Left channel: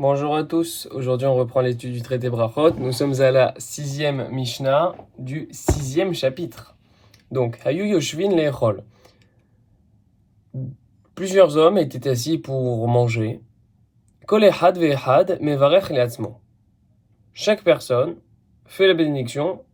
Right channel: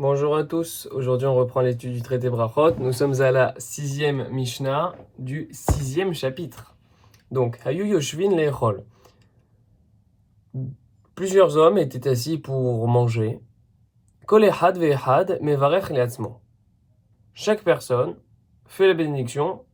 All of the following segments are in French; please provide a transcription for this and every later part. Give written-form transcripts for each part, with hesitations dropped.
Bonjour à tous, aujourd'hui on reprend l'étude du traité Brachot. Nous sommes à la 6e Mishnah du 6e chapitre. Donc, Hayu Yoshvin Le'echol. Plusieurs hommes étaient assis pour manger. Kol echad ve'echad mevarech le'atzmo. Chaque personne fait la bénédiction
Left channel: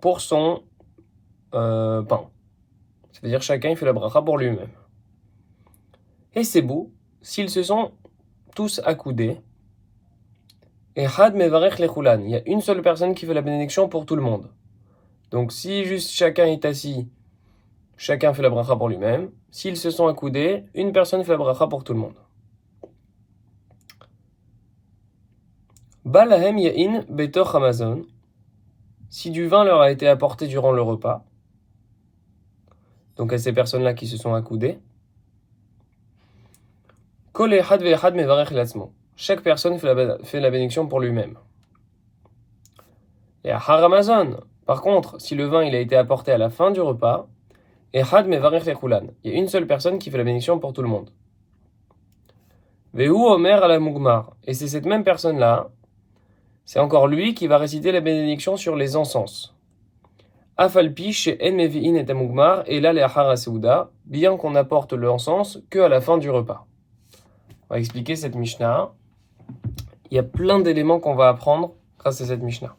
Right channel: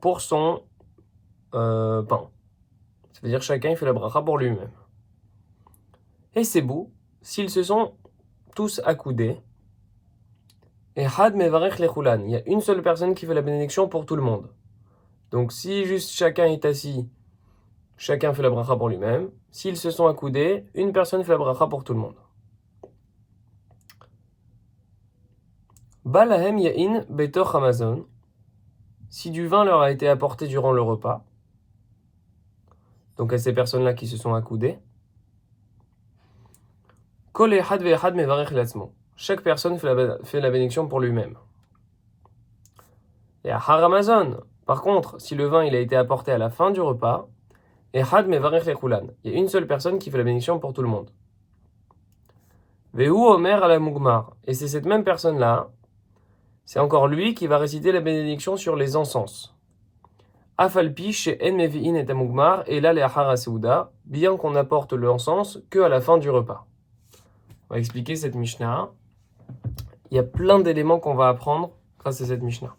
pour son pain. C'est-à-dire chacun il fait la bracha pour lui-même. Et c'est beau, s'ils se sont tous accoudés, Echad mevarech lechulan. Il y a une seule personne qui fait la bénédiction pour tout le monde. Donc si juste chacun est assis, chacun fait la bracha pour lui-même. S'ils se sont accoudés, une personne fait la bracha pour tout le monde. Balahem ya'in betoch Amazon. Si du vin leur a été apporté durant le repas, donc à ces personnes-là qui se sont accoudées, Kol echad ve'echad mevarech latzmo. Chaque personne fait la bénédiction pour lui-même. Et à Haramazon, par contre, si le vin il a été apporté à la fin du repas, Echad mevarech lechulan. Il y a une seule personne qui fait la bénédiction pour tout le monde. Vehu omer ala mugmar. Et c'est cette même personne-là, c'est encore lui qui va réciter la bénédiction sur les encens. Afalpi chez en mevi'in et amugmar et là les achara seuda, bien qu'on apporte l'encens que à la fin du repas. On va expliquer cette Mishnah. Il y a plein d'éléments qu'on va apprendre grâce à cette Mishnah.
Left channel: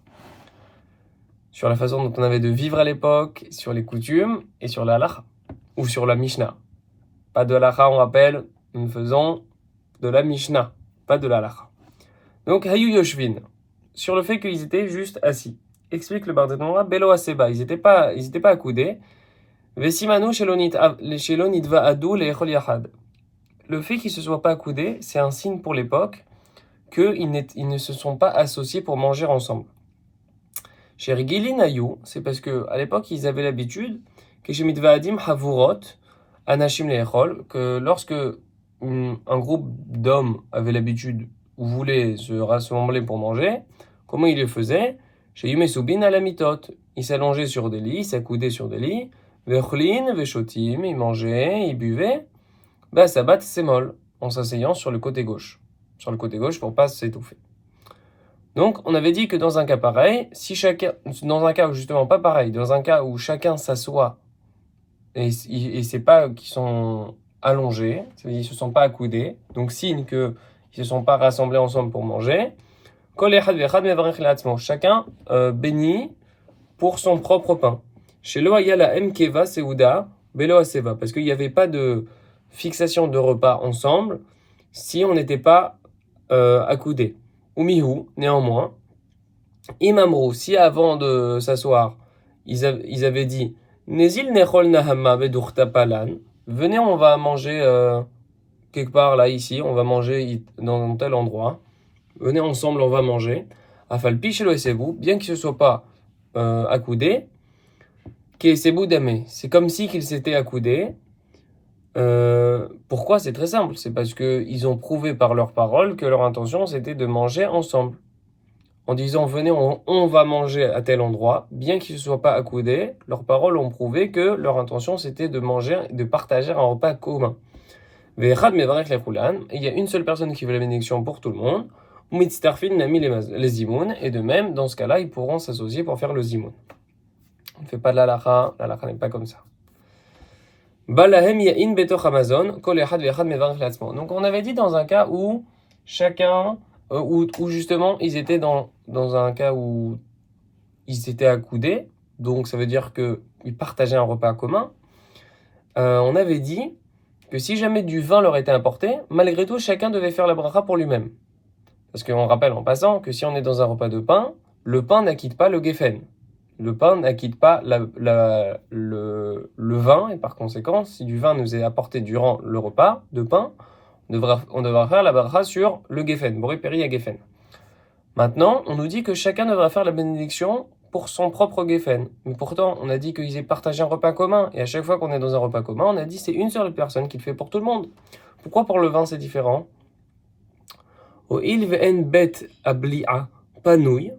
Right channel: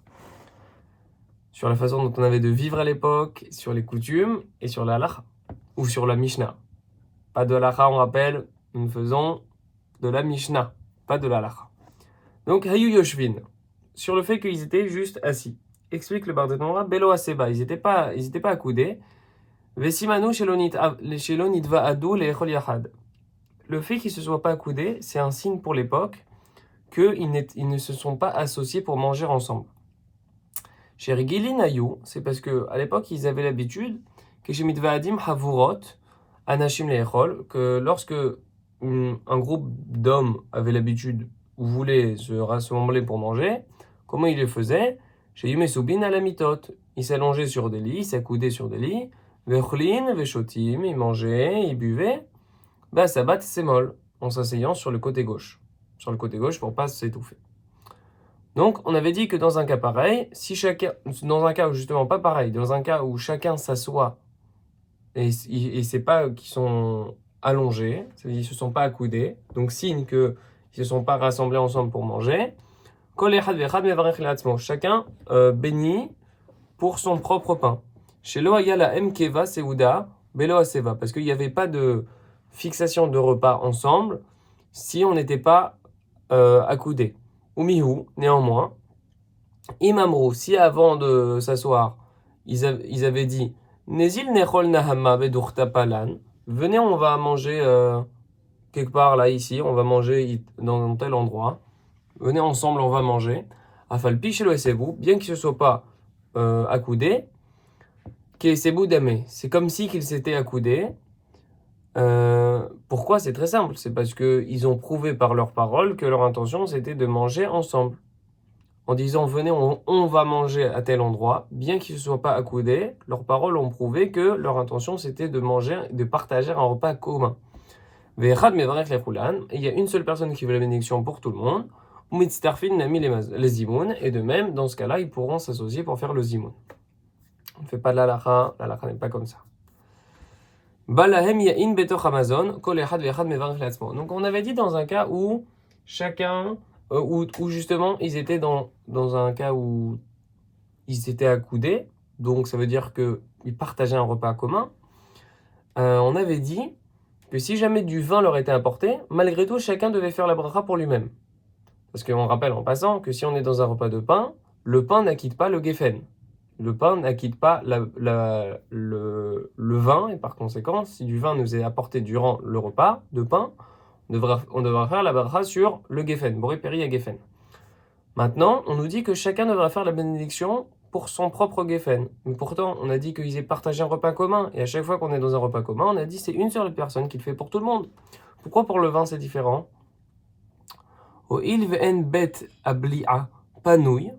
Sur la façon dont on avait de vivre à l'époque, sur les coutumes et sur la halacha, ou sur la Mishnah. Pas de halacha, on rappelle, nous faisons de la Mishnah, pas de la halacha. Donc, Hayu Yoshvin, sur le fait qu'ils étaient juste assis. Explique le Barthénois, Belo Aseba, ils n'étaient pas accoudés. Vesimanu Shelonitva Adu Le'echol Yachad. Le fait qu'ils ne se soient pas accoudés, c'est un signe pour l'époque qu'ils ne se sont pas associés pour manger ensemble. Chez Rigilin Ayu, c'est parce qu'à l'époque, ils avaient l'habitude que chez Mitvaadim Havurot, Anashim Le'echol, que lorsque un groupe d'hommes avait l'habitude ou voulait se rassembler pour manger, comment ils le faisaient? Chez Yumesubin à la mitot. Ils s'allongeaient sur des lits, ils s'accoudaient sur des lits, Vechlin, Veshotim, ils mangeaient, ils buvaient, Sabat Semol, en s'asseyant sur le côté gauche. Sur le côté gauche pour pas s'étouffer. Donc, on avait dit que dans un cas pareil, dans un cas où justement pas pareil, dans un cas où chacun s'assoit et c'est pas qu'ils sont allongés, c'est-à-dire ils se sont pas accoudés, donc signe qu'ils se sont pas rassemblés ensemble pour manger. Chacun bénit pour son propre pain. Chez Loaya la Mkeva Seuda Belo Aseva, parce qu'il n'y avait pas de fixation de repas ensemble si on n'était pas accoudés. Umihu, néanmoins, Imamrou, si avant de s'asseoir, ils avaient dit Nezil nechol nahama bedurta palan, venez, on va manger quelque part là, ici, on va manger dans tel endroit, venez ensemble, on va manger. Afalpi shelo esebu, bien qu'ils ne se soient pas accoudés, kesebu dame, c'est comme si qu'ils s'étaient accoudés. Pourquoi? C'est très simple, c'est parce qu'ils ont prouvé par leurs paroles que leur intention c'était de manger ensemble. En disant venez, on va manger à tel endroit, bien qu'ils ne se soient pas accoudés, leurs paroles ont prouvé que leur intention c'était de manger, de partager un repas commun. Il y a une seule personne qui veut la bénédiction pour tout le monde. Les zimoun, et de même, dans ce cas-là, ils pourront s'associer pour faire le zimoun. On ne fait pas de l'halakha n'est pas comme ça. Balahem ya'in betoch Amazon, kol echad ve'echad mevarech le'atzmo. Donc on avait dit dans un cas où chacun, où justement ils étaient dans un cas où ils étaient accoudés, donc ça veut dire qu'ils partageaient un repas commun. On avait dit que si jamais du vin leur était apporté, malgré tout chacun devait faire la bracha pour lui-même. Parce qu'on rappelle en passant que si on est dans un repas de pain, le pain n'acquitte pas le geffen. Le pain n'acquitte pas le vin, et par conséquent, si du vin nous est apporté durant le repas de pain, on devra faire la bracha sur le geffen, boré péri à geffen. Maintenant, on nous dit que chacun devra faire la bénédiction pour son propre geffen. Mais pourtant, on a dit qu'ils aient partagé un repas commun, et à chaque fois qu'on est dans un repas commun, on a dit que c'est une seule personne qui le fait pour tout le monde. Pourquoi pour le vin c'est différent? O il ve'en bet abli'a panouille,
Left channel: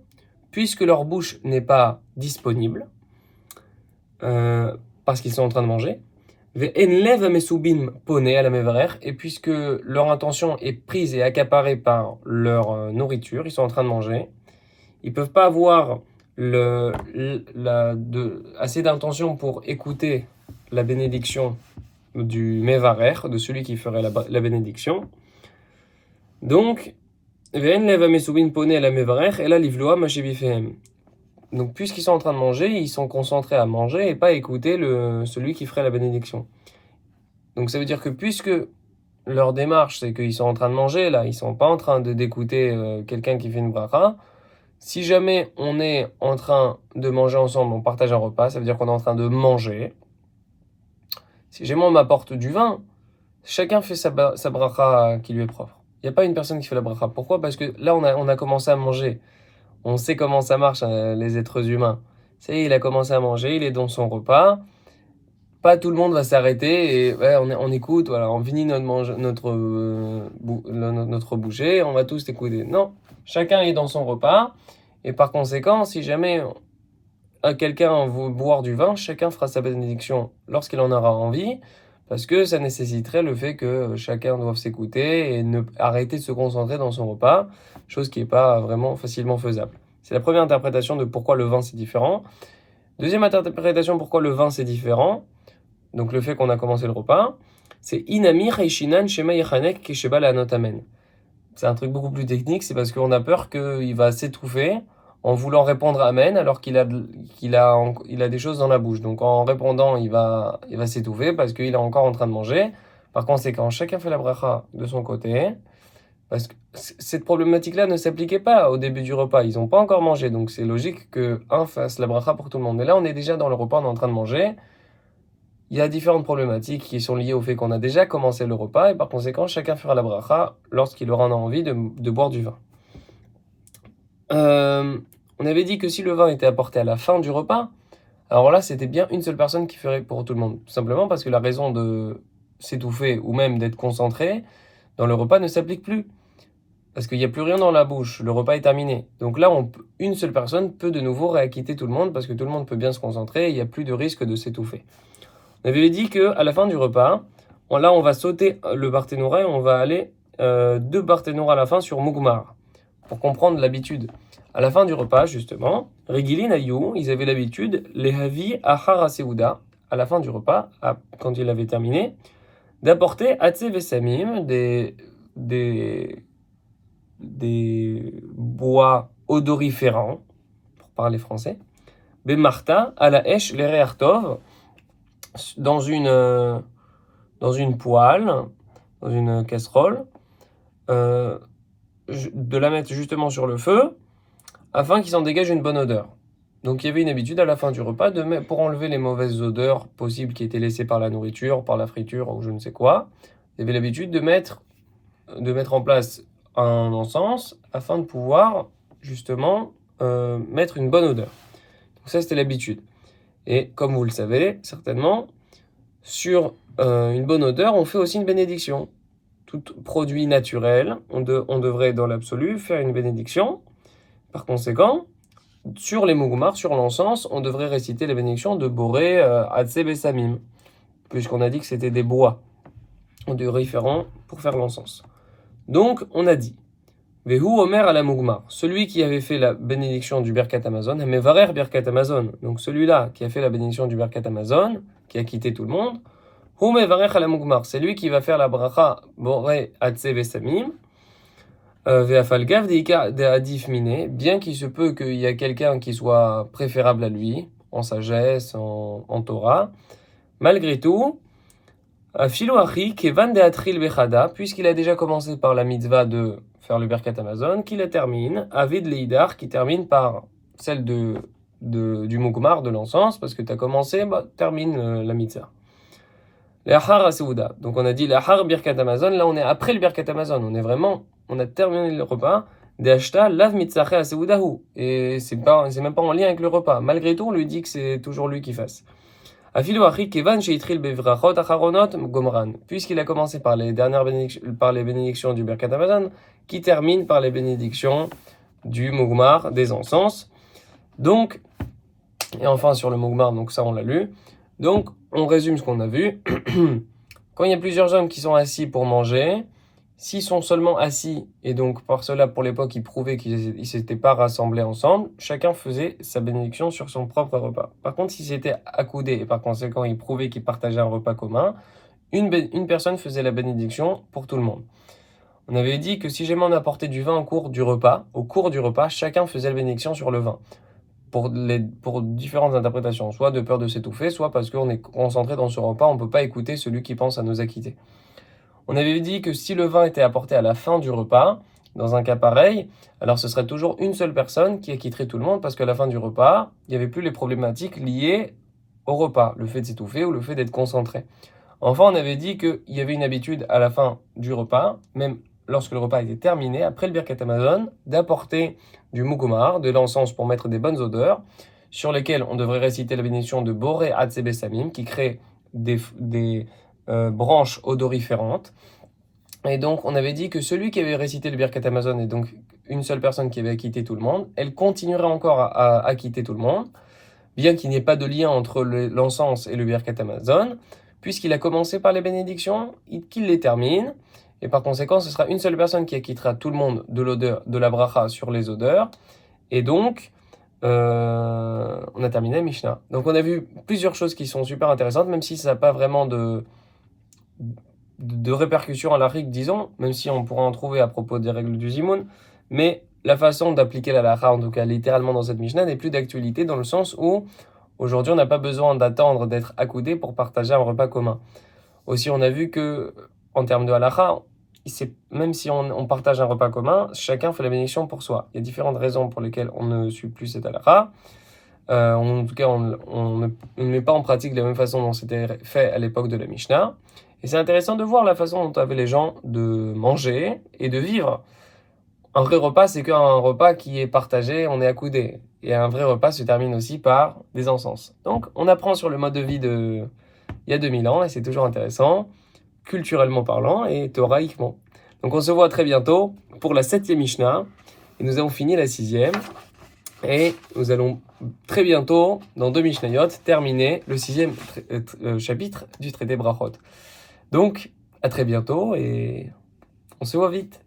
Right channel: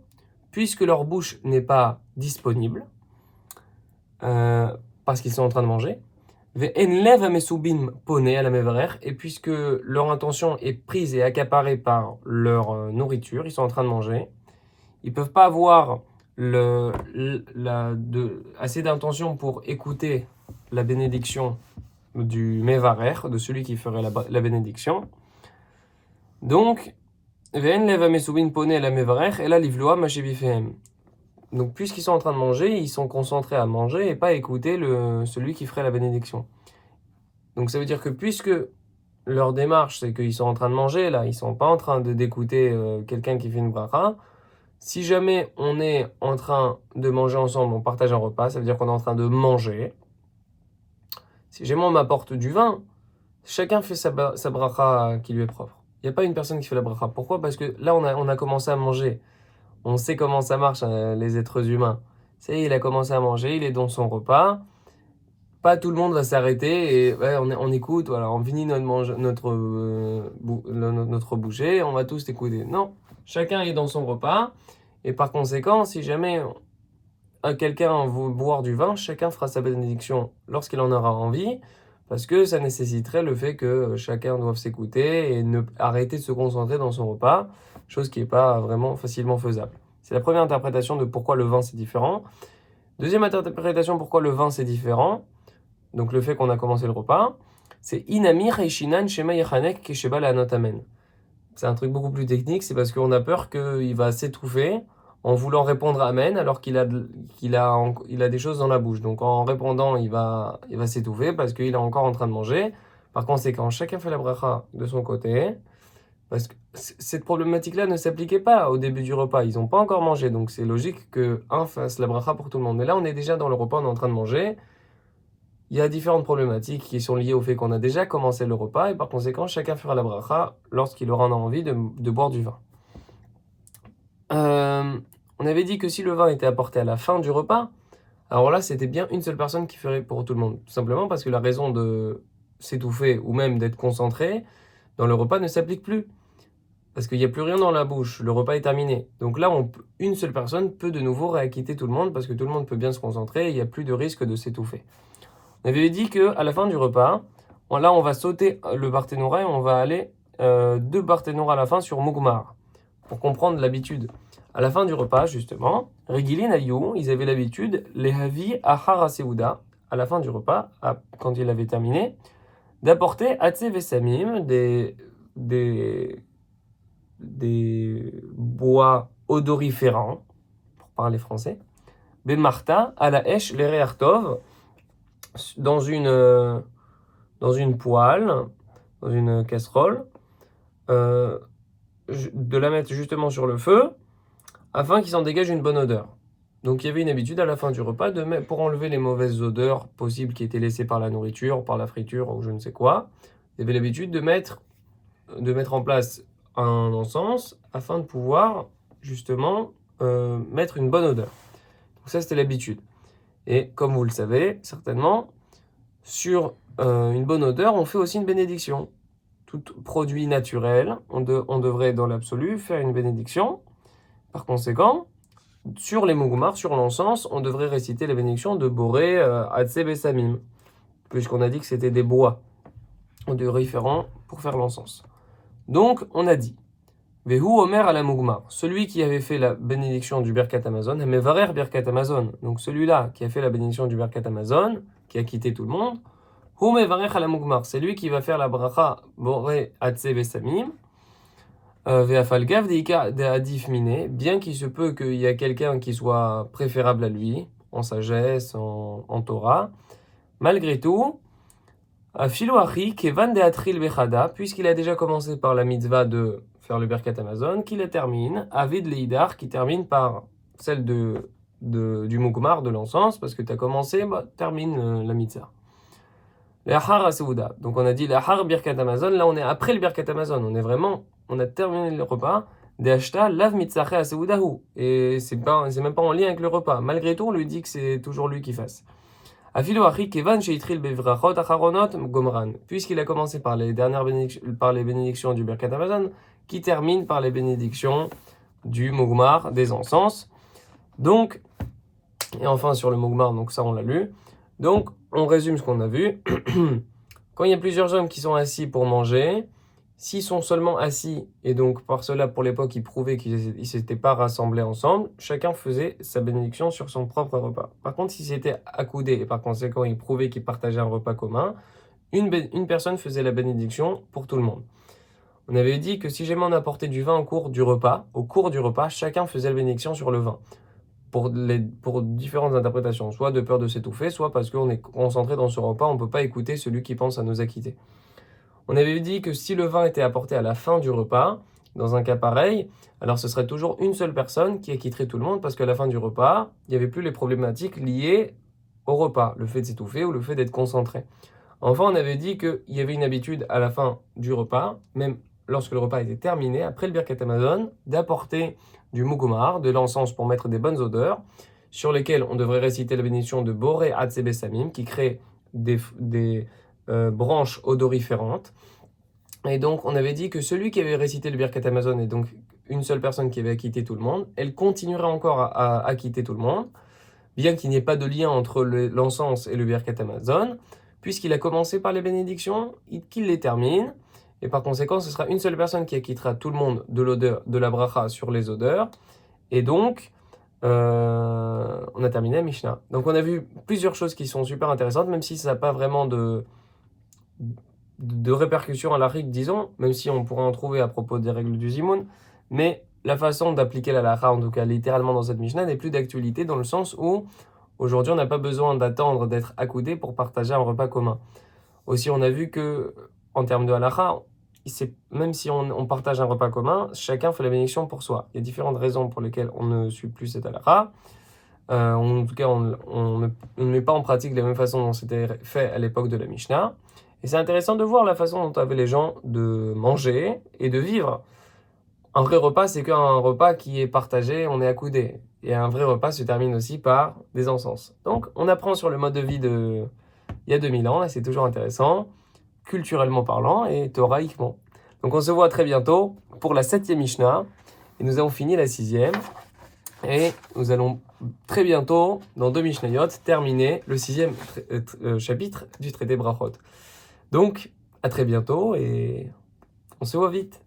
puisque leur bouche n'est pas disponible, parce qu'ils sont en train de manger. Ve'enlev hamesubim poné à la mevarer, et puisque leur intention est prise et accaparée par leur nourriture, ils sont en train de manger, ils peuvent pas avoir assez d'intention pour écouter la bénédiction du mevarer, de celui qui ferait la bénédiction. Donc, ve'enlev hamesubim poné à la mevarer, et là livloa mashibifehem. Donc, puisqu'ils sont en train de manger, ils sont concentrés à manger et pas à écouter celui qui ferait la bénédiction. Donc, ça veut dire que puisque leur démarche, c'est qu'ils sont en train de manger, là, ils sont pas en train d'écouter quelqu'un qui fait une bracha. Si jamais on est en train de manger ensemble, on partage un repas, ça veut dire qu'on est en train de manger. Si jamais on m'apporte du vin, chacun fait sa bracha qui lui est propre. Il n'y a pas une personne qui fait la bracha. Pourquoi? Parce que là, on a commencé à manger. On sait comment ça marche, les êtres humains. C'est, il a commencé à manger, il est dans son repas. Pas tout le monde va s'arrêter et ouais, on écoute, voilà, on finit notre bouchée, on va tous écouter. Non, chacun est dans son repas et par conséquent, si jamais quelqu'un veut boire du vin, chacun fera sa bénédiction lorsqu'il en aura envie, parce que ça nécessiterait le fait que chacun doive s'écouter et ne arrêter de se concentrer dans son repas, chose qui n'est pas vraiment facilement faisable. C'est la première interprétation de pourquoi le vin c'est différent. Deuxième interprétation pourquoi le vin c'est différent, donc le fait qu'on a commencé le repas, c'est Inami Reishinan Shema Yechanek Kesheba Le'anot Amen. C'est un truc beaucoup plus technique, c'est parce qu'on a peur qu'il va s'étouffer en voulant répondre Amen alors qu'il a des choses dans la bouche. Donc en répondant, il va s'étouffer parce qu'il est encore en train de manger. Par conséquent, chacun fait la bracha de son côté. Parce que cette problématique-là ne s'appliquait pas au début du repas. Ils n'ont pas encore mangé. Donc c'est logique qu'un fasse la bracha pour tout le monde. Mais là, on est déjà dans le repas, on est en train de manger. Il y a différentes problématiques qui sont liées au fait qu'on a déjà commencé le repas. Et par conséquent, chacun fera la bracha lorsqu'il aura envie de boire du vin. On avait dit que si le vin était apporté à la fin du repas, alors là, c'était bien une seule personne qui ferait pour tout le monde. Tout simplement parce que la raison de s'étouffer ou même d'être concentré dans le repas ne s'applique plus. Parce qu'il n'y a plus rien dans la bouche, le repas est terminé. Donc là, une seule personne peut de nouveau réacquitter tout le monde parce que tout le monde peut bien se concentrer et il n'y a plus de risque de s'étouffer. On avait dit qu'à la fin du repas, là, on va sauter le Barthénoura et on va aller 2 Barthénoura à la fin sur Mugmar pour comprendre l'habitude. À la fin du repas, justement, Regilin Ayou, ils avaient l'habitude, les Havi Achara Seuda, à la fin du repas, quand il avait terminé, d'apporter Atse Vesamim, des bois odoriférants, pour parler français, Bemarta, à la Esh, les Reartov, dans une poêle, dans une casserole, de la mettre justement sur le feu, afin qu'il s'en dégage une bonne odeur. Donc il y avait une habitude à la fin du repas, pour enlever les mauvaises odeurs possibles qui étaient laissées par la nourriture, par la friture ou je ne sais quoi, il y avait l'habitude de mettre en place un encens afin de pouvoir justement mettre une bonne odeur. Donc ça c'était l'habitude. Et comme vous le savez certainement, sur une bonne odeur, on fait aussi une bénédiction. Tout produit naturel, on devrait dans l'absolu faire une bénédiction. Par conséquent, sur les mugmar, sur l'encens, on devrait réciter la bénédiction de Boré Atse Besamim, puisqu'on a dit que c'était des bois odoriférants pour faire l'encens. Donc, on a dit Vehu Omer à la mugmar, celui qui avait fait la bénédiction du Birkat Hamazon, Mevarer Birkat Hamazon, donc celui-là qui a fait la bénédiction du Birkat Hamazon, qui a quitté tout le monde, Hu Mevarer à la mugmar, c'est lui qui va faire la bracha Boré Atse Besamim. Ve'afalgav de hadif miné, bien qu'il se peut qu'il y a quelqu'un qui soit préférable à lui, en sagesse, en Torah, malgré tout, Philo Achi, Kevan de Atril Bechada, puisqu'il a déjà commencé par la mitzvah de faire le Birkat Hamazon, qu'il la termine, Avid Leidar, qui termine par celle du Mugmar, de l'encens, parce que tu as commencé, termine la mitzvah. L'Achar Aseuda. Donc on a dit l'Achar Birkat Hamazon, là on est après le Birkat Hamazon, on a terminé le repas, De'ashta lav mitzache Aseudahu. Et c'est même pas en lien avec le repas. Malgré tout, on lui dit que c'est toujours lui qui fasse. Afilo Achi Kevan Sheitril Bevrachot Acharonot Gomran. Puisqu'il a commencé par les bénédictions du Birkat Hamazon, qui termine par les bénédictions du Mugmar, des encens. Donc, et enfin sur le Mugmar, donc ça on l'a lu. Donc, on résume ce qu'on a vu. Quand il y a plusieurs hommes qui sont assis pour manger, s'ils sont seulement assis, et donc par cela, pour l'époque, ils prouvaient qu'ils ne s'étaient pas rassemblés ensemble, chacun faisait sa bénédiction sur son propre repas. Par contre, s'ils étaient accoudés, et par conséquent, ils prouvaient qu'ils partageaient un repas commun, une personne faisait la bénédiction pour tout le monde. On avait dit que si jamais on apportait du vin au cours du repas, chacun faisait la bénédiction sur le vin. Pour différentes interprétations, soit de peur de s'étouffer, soit parce qu'on est concentré dans ce repas, on ne peut pas écouter celui qui pense à nous acquitter. On avait dit que si le vin était apporté à la fin du repas, dans un cas pareil, alors ce serait toujours une seule personne qui acquitterait tout le monde, parce qu'à la fin du repas, il n'y avait plus les problématiques liées au repas, le fait de s'étouffer ou le fait d'être concentré. Enfin, on avait dit qu'il y avait une habitude à la fin du repas, même lorsque le repas était terminé, après le Birkat Hamazon, d'apporter du mugomar, de l'encens pour mettre des bonnes odeurs, sur lesquelles on devrait réciter la bénédiction de Boré Hatzebe Samim, qui crée des branches odoriférantes. Et donc, on avait dit que celui qui avait récité le Birkat Hamazon, et donc une seule personne qui avait acquitté tout le monde, elle continuerait encore à acquitter tout le monde, bien qu'il n'y ait pas de lien entre l'encens et le Birkat Hamazon, puisqu'il a commencé par les bénédictions, qu'il les termine, et par conséquent, ce sera une seule personne qui acquittera tout le monde de l'odeur, de la bracha sur les odeurs, et donc, on a terminé la Mishnah. Donc on a vu plusieurs choses qui sont super intéressantes, même si ça n'a pas vraiment de répercussions à l'halachique, disons, même si on pourra en trouver à propos des règles du Zimoun, mais la façon d'appliquer la halakha, en tout cas littéralement dans cette Mishnah, n'est plus d'actualité dans le sens où aujourd'hui on n'a pas besoin d'attendre d'être accoudé pour partager un repas commun. Aussi, on a vu que en termes de halakha, même si on partage un repas commun, chacun fait la bénédiction pour soi. Il y a différentes raisons pour lesquelles on ne suit plus cette halakha. En tout cas, on ne met pas en pratique de la même façon dont c'était fait à l'époque de la Mishnah. Et c'est intéressant de voir la façon dont avaient les gens de manger et de vivre. Un vrai repas, c'est qu'un repas qui est partagé, on est accoudé. Et un vrai repas se termine aussi par des encens. Donc, on apprend sur le mode de vie il y a 2000 ans, et c'est toujours intéressant, culturellement parlant et thoraïquement. Donc, on se voit très bientôt pour la 7e Mishnah. Et nous avons fini la 6e. Et nous allons très bientôt, dans 2 Mishnayot, terminer le 6e chapitre du traité Brachot. Donc, à très bientôt et on se voit vite.